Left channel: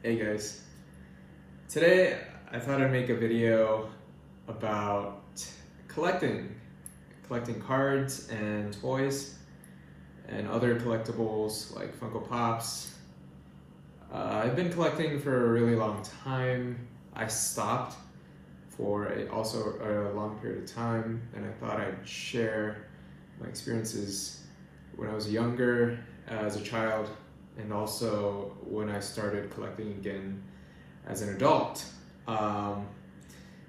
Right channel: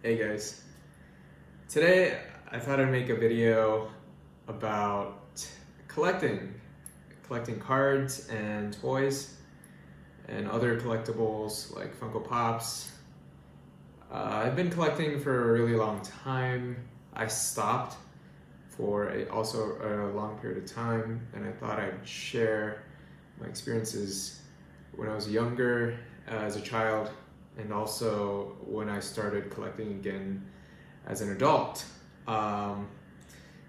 Hey guys, today I thought I'd make a video about collecting cards and toys and other collectibles like Funko Pops. I've been collecting for a really long time. I stopped for also a long period of time, and I thought I'd share my experiences when I was younger as a child, and also when I started collecting again as an adult. I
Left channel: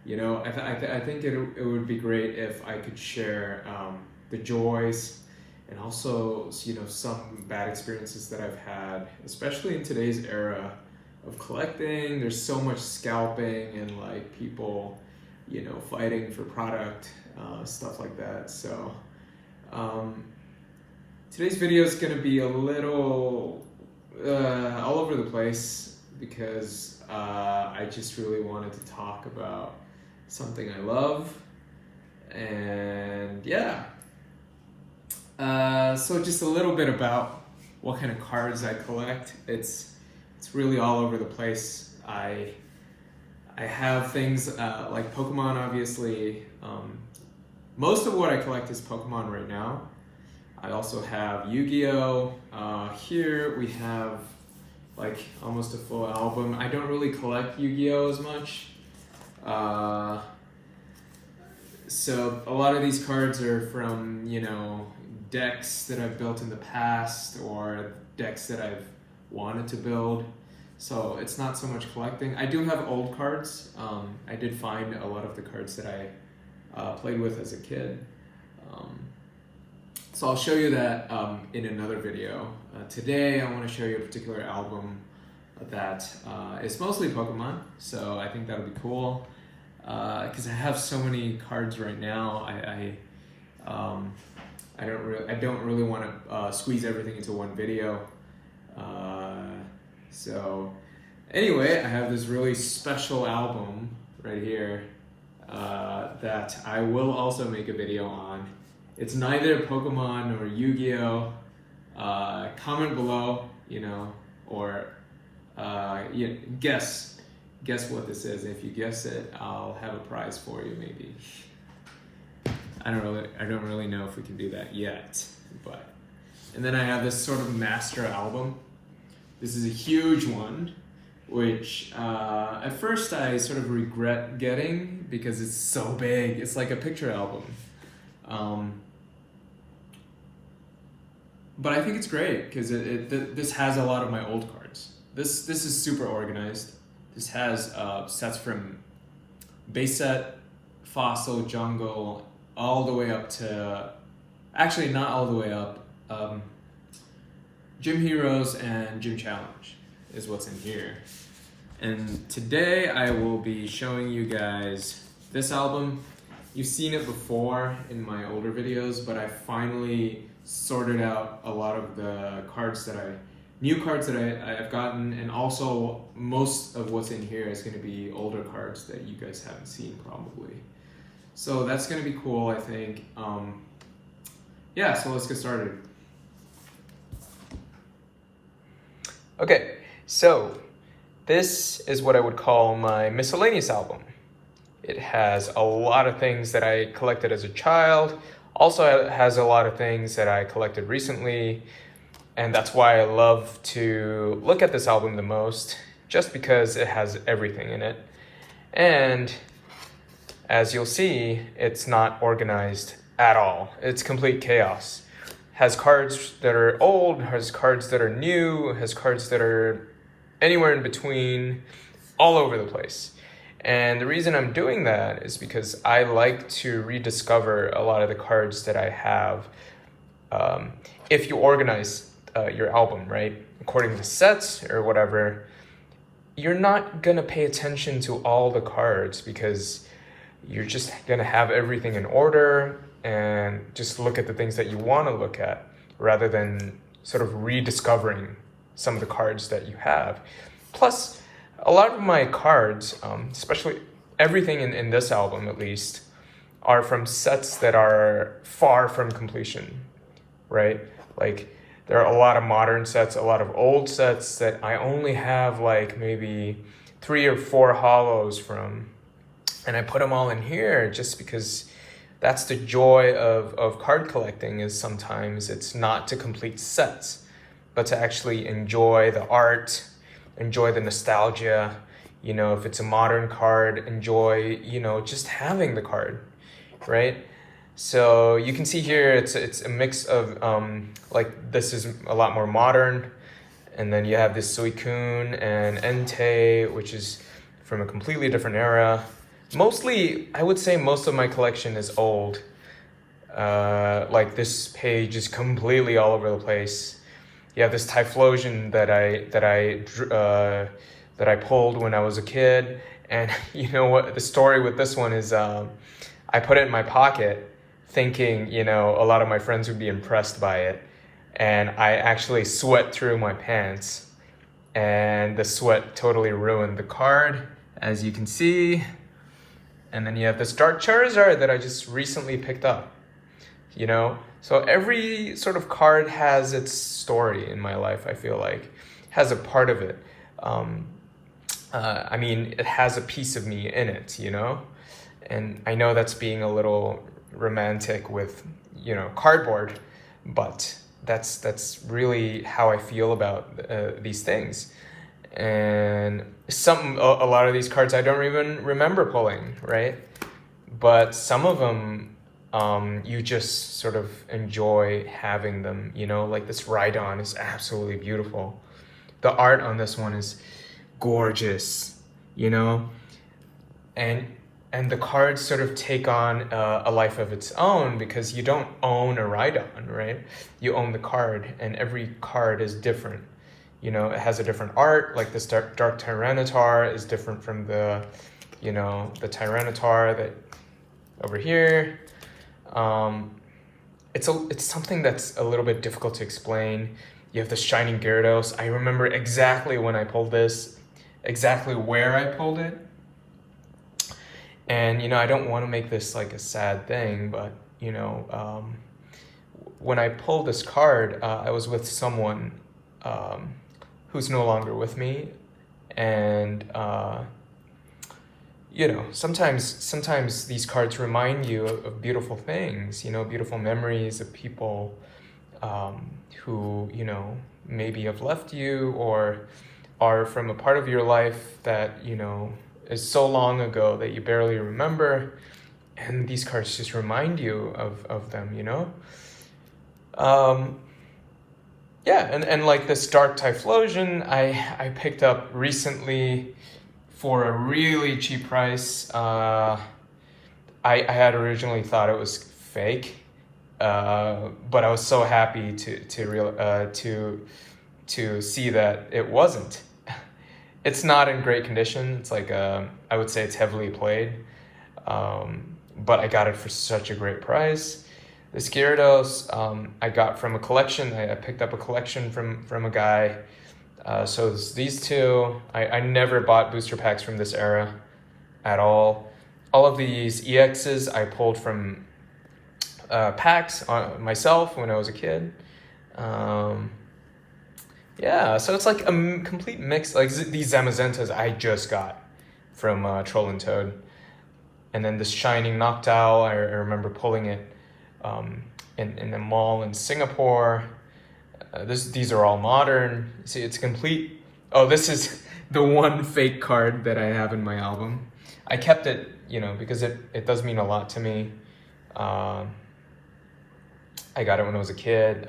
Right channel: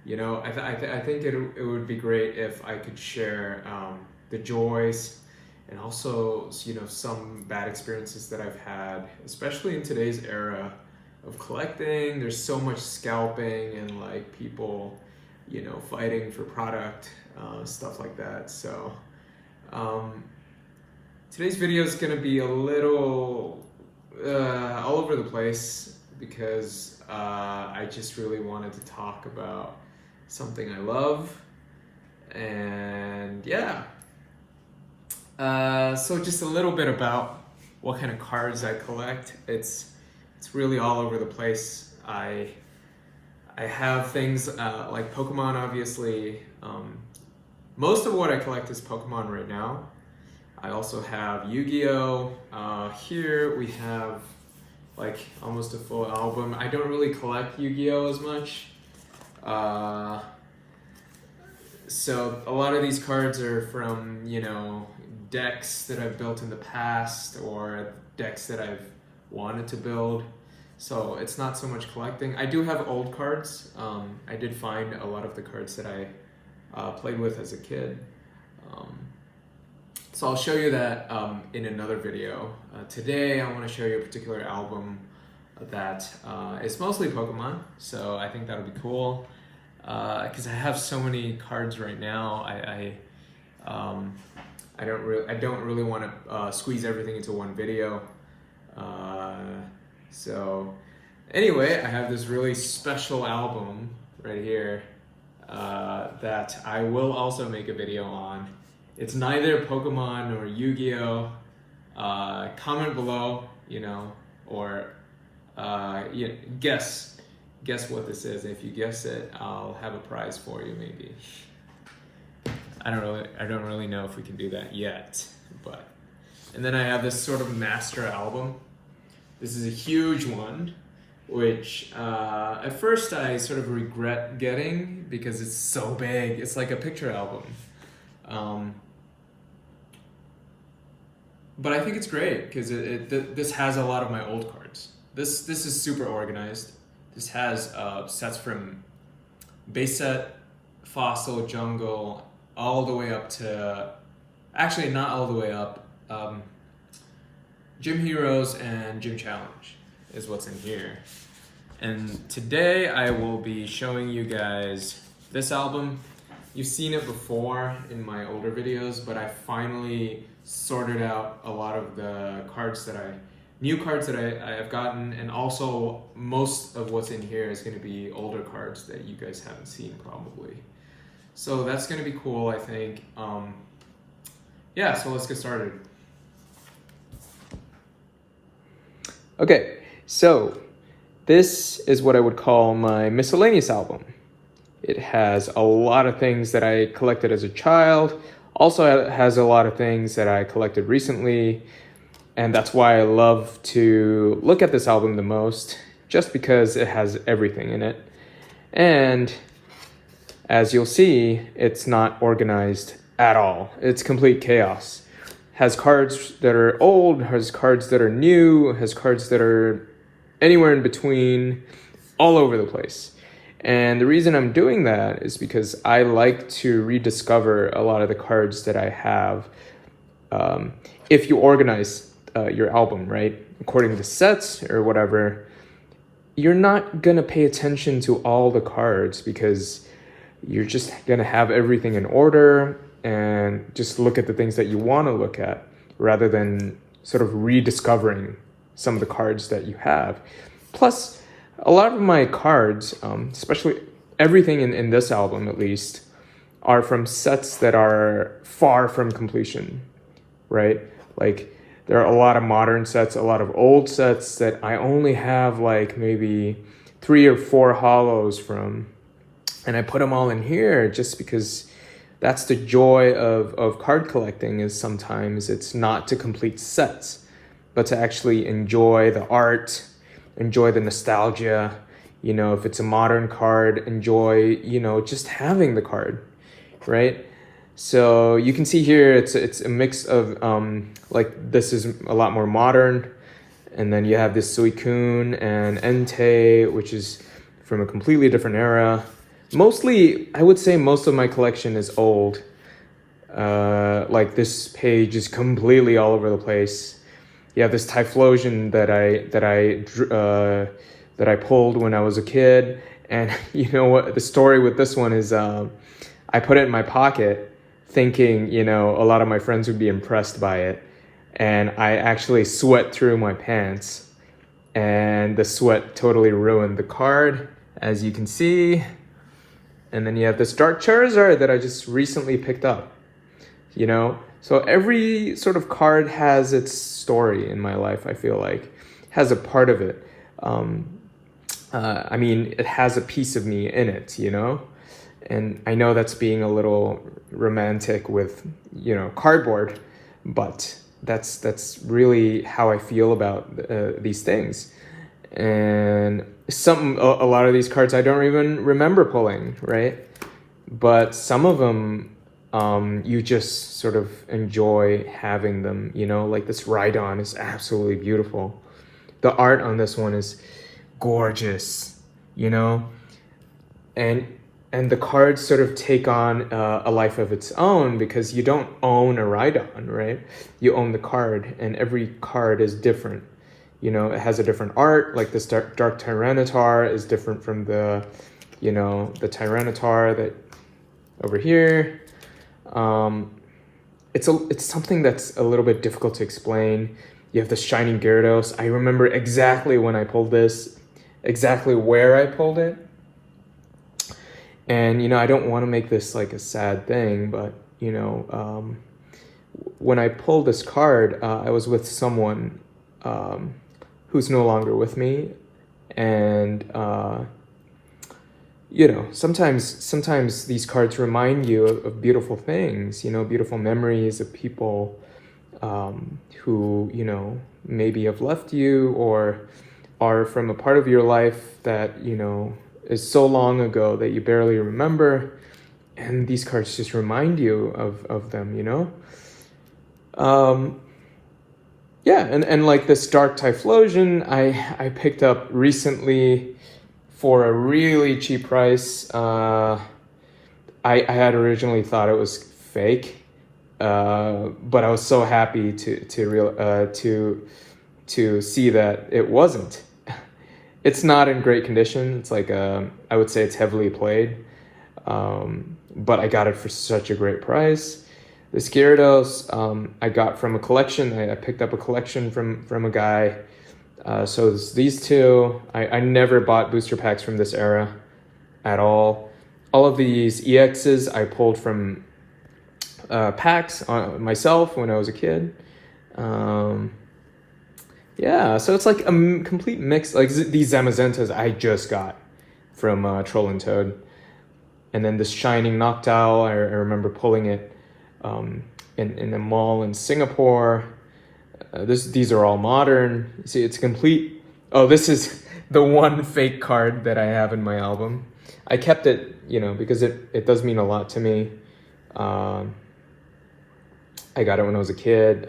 think it would be great if I could share the joys and also some bad experiences that I've had, especially in today's era of collecting. There's so much scalping and like people fighting for product, stuff like that. So today's video is going to be a little all over the place because I just really wanted to talk about something I love, and so just a little bit about what kind of cards I collect. It's really all over the place. I have things like Pokemon, obviously. Most of what I collect is Pokemon right now. I also have Yu-Gi-Oh! Here we have like almost a full album. I don't really collect Yu-Gi-Oh! As much. So a lot of these cards are from, decks that I've built in the past or decks that I've wanted to build. So it's not so much collecting. I do have old cards. I did find a lot of the cards that I played with as a kid. So I'll show you that in another video. Today I want to show you a particular album that is mostly Pokemon. So I think that'll be cool because I have so many cards right now. I don't really want to squeeze everything into one video. So anyway, I have this really special album right here that I will also make a video on. It's neither Pokemon or Yu-Gi-Oh! Comment below, or guess what this is. If you guess it, I'll have a prize for you, maybe. I don't really know if we can do that yet, but. And then I have this sort of master album. This is a huge one, which at first I sort of regret getting because it's so big. It's like a picture album. But I think it's great because this has a lot of my old cards. This is super organized. This has sets from base set, fossil, jungle, all the way up to, actually not all the way up, Gym Heroes and Gym Challenge is what's in here. And today I will be showing you guys this album. You've seen it before in my older videos, but I finally sorted out a lot of the new cards that I have gotten, and also most of what's in here is going to be older cards that you guys haven't seen probably. So that's going to be cool, I think. So let's get started. Okay, so this is what I would call my miscellaneous album. It has a lot of things that I collected as a child. Also, it has a lot of things that I collected recently, and that's why I love to look at this album the most, just because it has everything in it. And as you'll see, it's not organized at all. It's complete chaos. Has cards that are old, has cards that are new, has cards that are anywhere in between, all over the place. And the reason I'm doing that is because I like to rediscover a lot of the cards that I have. If you organize your album, right, according to sets or whatever, you're not gonna pay attention to all the cards because you're just gonna have everything in order and just look at the things that you wanna look at rather than sort of rediscovering some of the cards that you have. Plus, a lot of my cards, especially everything in this album at least, are from sets that are far from completion, right? Like There are a lot of modern sets, a lot of old sets that I only have like maybe 3 or 4 hollows from. And I put them all in here just because that's the joy of card collecting, is sometimes it's not to complete sets, but to actually enjoy the art, enjoy the nostalgia. You know, if it's a modern card, enjoy, you know, just having the card, right? So you can see here, it's a mix of, like this is a lot more modern. And then you have this Suicune and Entei, which is from a completely different era. Mostly, I would say most of my collection is old. Like this page is completely all over the place. You have this Typhlosion that I pulled when I was a kid, and you know what? The story with this one is, I put it in my pocket, thinking, you know, a lot of my friends would be impressed by it, and I actually sweat through my pants, and the sweat totally ruined the card, as you can see. And then you have this Dark Charizard that I just recently picked up, you know? So every sort of card has its story in my life, I feel like. Has a part of it. I mean, it has a piece of me in it, you know? And I know that's being a little romantic with, you know, cardboard, but that's really how I feel about these things. And a lot of these cards I don't even remember pulling, right? But some of them, you just sort of enjoy having them, you know? Like this Rhydon is absolutely beautiful. The art on this one is gorgeous, you know? And the cards sort of take on a life of its own, because you don't own a Rhydon, right? You own the card, and every card is different. You know, it has a different art, like this Dark Tyranitar is different from the, you know, the Tyranitar that over here. It's something that's a little bit difficult to explain. You have the Shining Gyarados. I remember exactly when I pulled this, exactly where I pulled it. And, you know, I don't want to make this like a sad thing, but, you know, when I pulled this card, I was with someone who's no longer with me. And, you know, sometimes these cards remind you of beautiful things, you know, beautiful memories of people who, you know, maybe have left you or are from a part of your life that, you know, is so long ago that you barely remember. And these cards just remind you of them, you know? Yeah, and like this Dark Typhlosion, I picked up recently for a really cheap price. I had originally thought it was fake, but I was so happy to see that it wasn't. It's not in great condition. It's like I would say it's heavily played, but I got it for such a great price. This Gyarados I got from a collection. I picked up a collection from a guy. So it's these two. I never bought booster packs from this era at all. All of these EXs I pulled from packs myself when I was a kid. Yeah, so it's like a complete mix. Like these Zamazentas I just got from Troll and Toad. And then this Shining Noctowl, I remember pulling it in the mall in Singapore. These are all modern. See, it's complete. Oh, this is the one fake card that I have in my album. I kept it, you know, because it does mean a lot to me. I got it when I was a kid.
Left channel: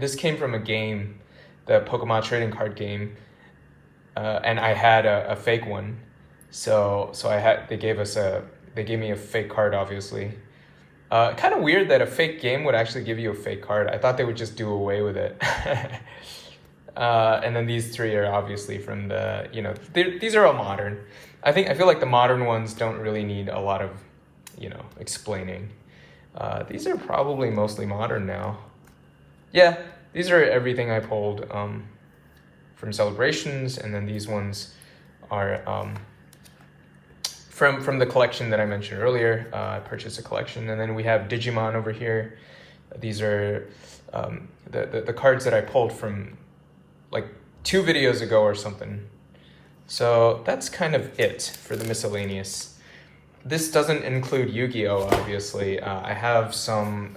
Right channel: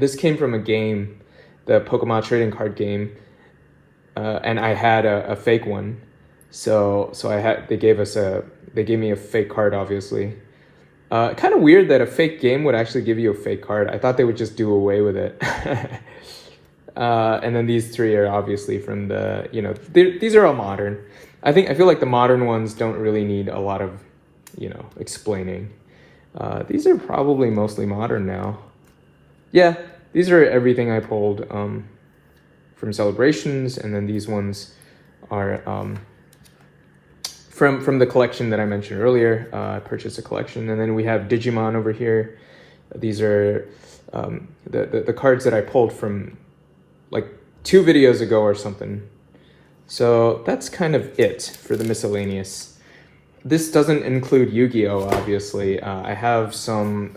This came from a game, the Pokemon trading card game, and I had a fake one. So they gave me a fake card, obviously. Kind of weird that a fake game would actually give you a fake card. I thought they would just do away with it. And then these three are obviously from the, you know, these are all modern. I feel like the modern ones don't really need a lot of, you know, explaining. These are probably mostly modern now. Yeah, these are everything I pulled from Celebrations, and then these ones are from the collection that I mentioned earlier. I purchased a collection, and then we have Digimon over here. These are the cards that I pulled from like 2 videos ago or something. So that's kind of it for the miscellaneous. This doesn't include Yu-Gi-Oh, obviously. I have some,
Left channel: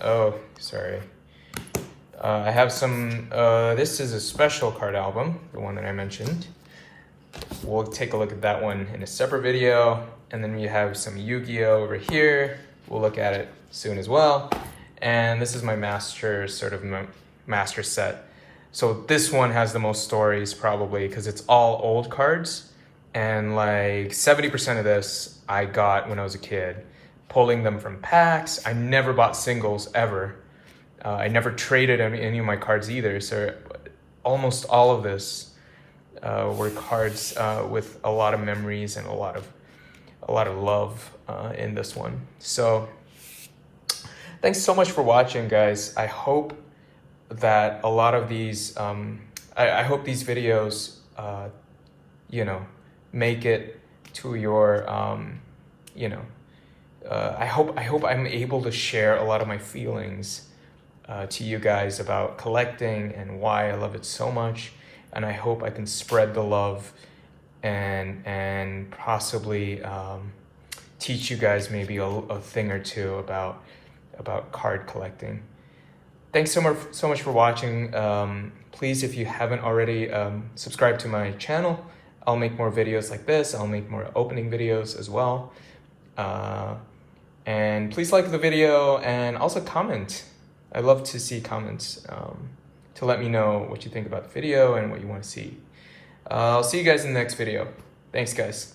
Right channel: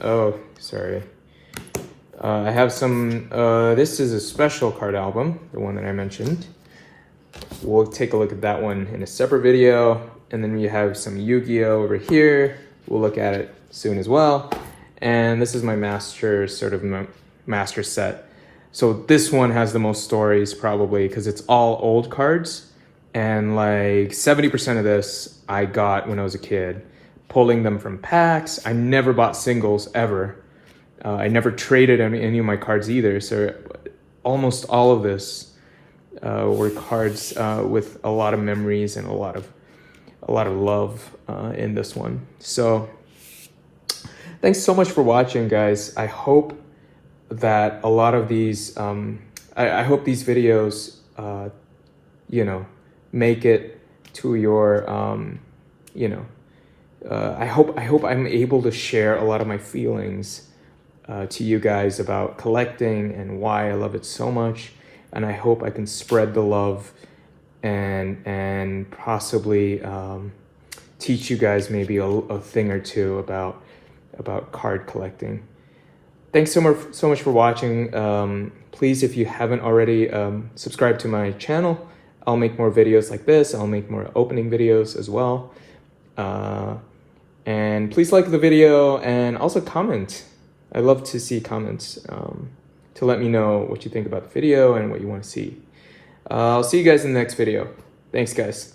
I have some, this is a special card album, the one that I mentioned. We'll take a look at that one in a separate video. And then we have some Yu-Gi-Oh over here. We'll look at it soon as well. And this is my master, sort of master set. So this one has the most stories probably because it's all old cards. And like 70% of this I got when I was a kid, pulling them from packs. I never bought singles ever. I never traded any of my cards either. So almost all of this were cards with a lot of memories and a lot of love in this one. So thanks so much for watching, guys. I hope that a lot of these, I hope these videos, you know, make it to your, you know, I hope I'm able to share a lot of my feelings to you guys about collecting and why I love it so much. And I hope I can spread the love and possibly teach you guys maybe a thing or two about card collecting. Thanks so much for watching. Please, if you haven't already, subscribe to my channel. I'll make more videos like this. I'll make more opening videos as well. And please like the video and also comment. I love to see comments to let me know what you think about the video and what you want to see. I'll see you guys in the next video. Thanks, guys.